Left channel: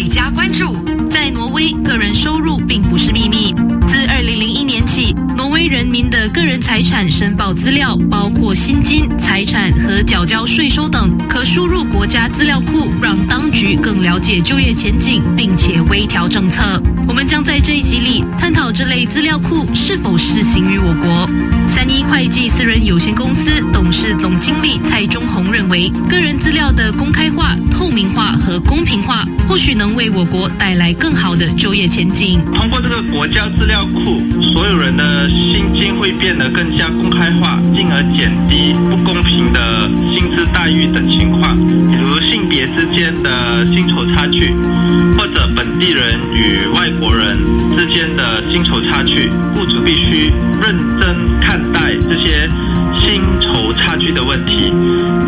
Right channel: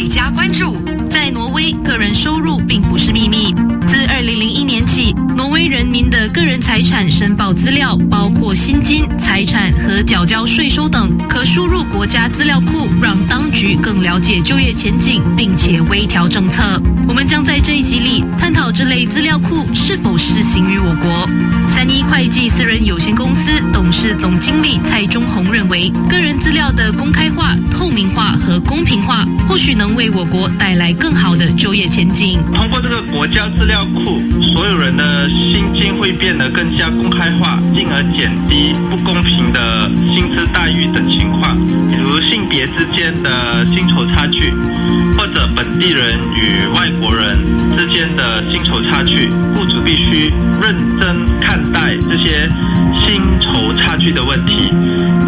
在家关注。在挪威，个人收入并不是秘密。自2001年起，挪威人民的个人财产申报资料，包括薪金、财产和缴交税收等，可输入国家资料库，让当局更了解就业前景，并且微调政策。我们将在这一集里探讨这类资料库是否适行于我国。31会计私人有限公司董事总经理蔡中宏认为，个人资料的公开化、透明化和公平化，或许能为我国带来更好的就业前景。通过这个国家资料库，所有人的薪金会变得更加公开化，进而减低不公平的薪资待遇等情况，比如性别之间的薪酬差距，或者本地人与外国人之间的薪酬差距，雇主必须认真看待这些薪酬差距的问题，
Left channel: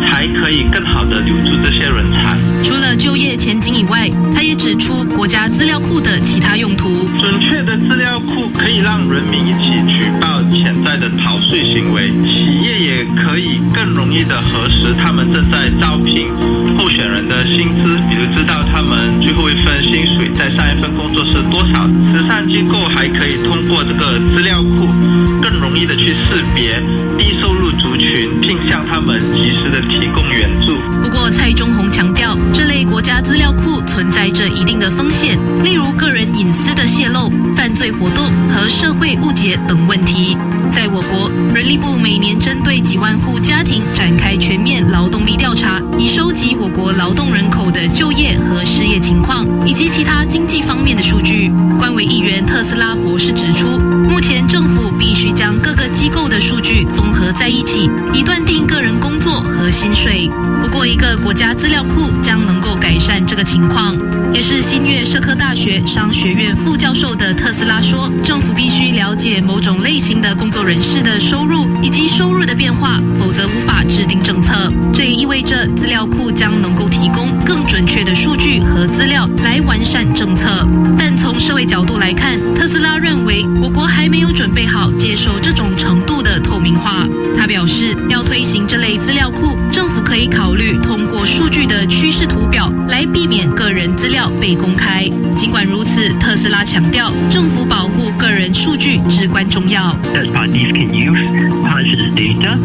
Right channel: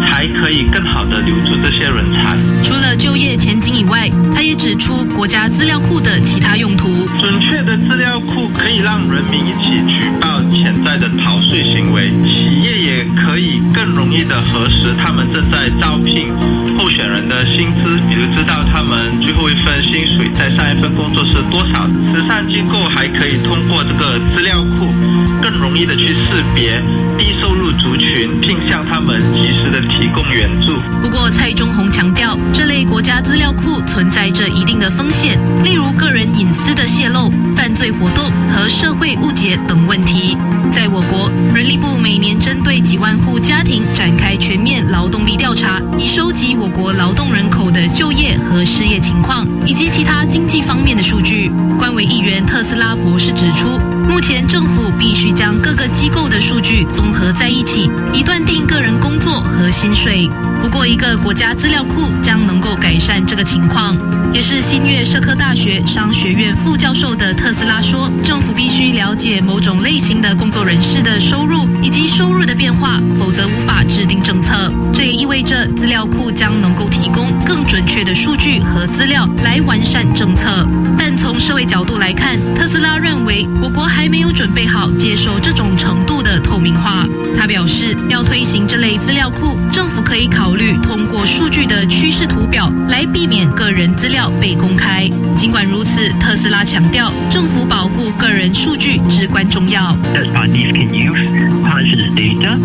才可以更好地留住这些人才。除了就业前景以外，他也指出国家资料库的其他用途。准确的资料库可以让人民一起举报潜在的逃税行为，企业也可以更容易地核实他们正在招聘候选人的薪资，比如知道他们最后一份薪水在上一份工作是多少。慈善机构还可以通过这个资料库更容易的去识别低收入族群，并向他们及时的提供援助。不过蔡中宏强调，这类国家资料库存在着一定的风险，例如个人隐私的泄露、犯罪活动和社会误解等问题。在我国，人力部每年针对几万户家庭展开全面劳动力调查，以收集我国劳动人口的就业和失业情况，以及其他经济方面的数据。官委议员特斯拉博士指出，目前政府必须将各个机构的数据综合在一起，以断定个人工作和薪水。不过，一个国家资料库将能够改善这个情况。也是新月社科大学商学院副教授的特斯拉说，政府必须了解某种类型的工作人士的收入以及收入的变化，否则无法制定政策。这也意味着资料库将能够提供更准确的数据和资料来完善政策。但从社会角度来看，特斯拉认为我国还没有准备好接受这种程度的透明化。他表示，要推行这类资料库，政府可以考虑通过数据的趋势图表来避免个人资料被公开。尽管如此，特斯拉强调，政府保护个人数据至关重要。Third parties can use parts of the data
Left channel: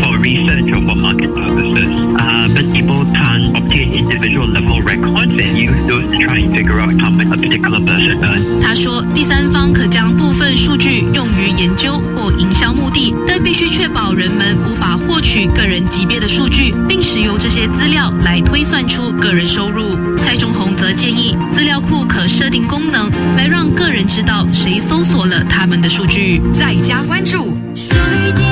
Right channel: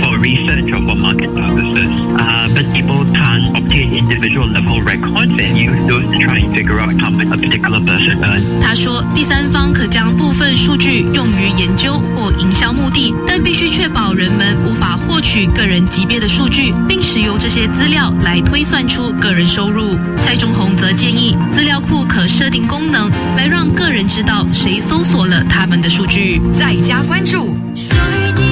for research or for market purposes, but people can't obtain individual level records and use those to try and figure out how much a particular person earns. 他说，第三方可将部分数据用于研究或营销目的，但必须确保人们无法获取个人级别的数据，并使用这些资料来推算出个人收入。蔡中宏则建议，资料库可设定功能，来让个人知道谁搜索了他们的数据。在家关注。水滴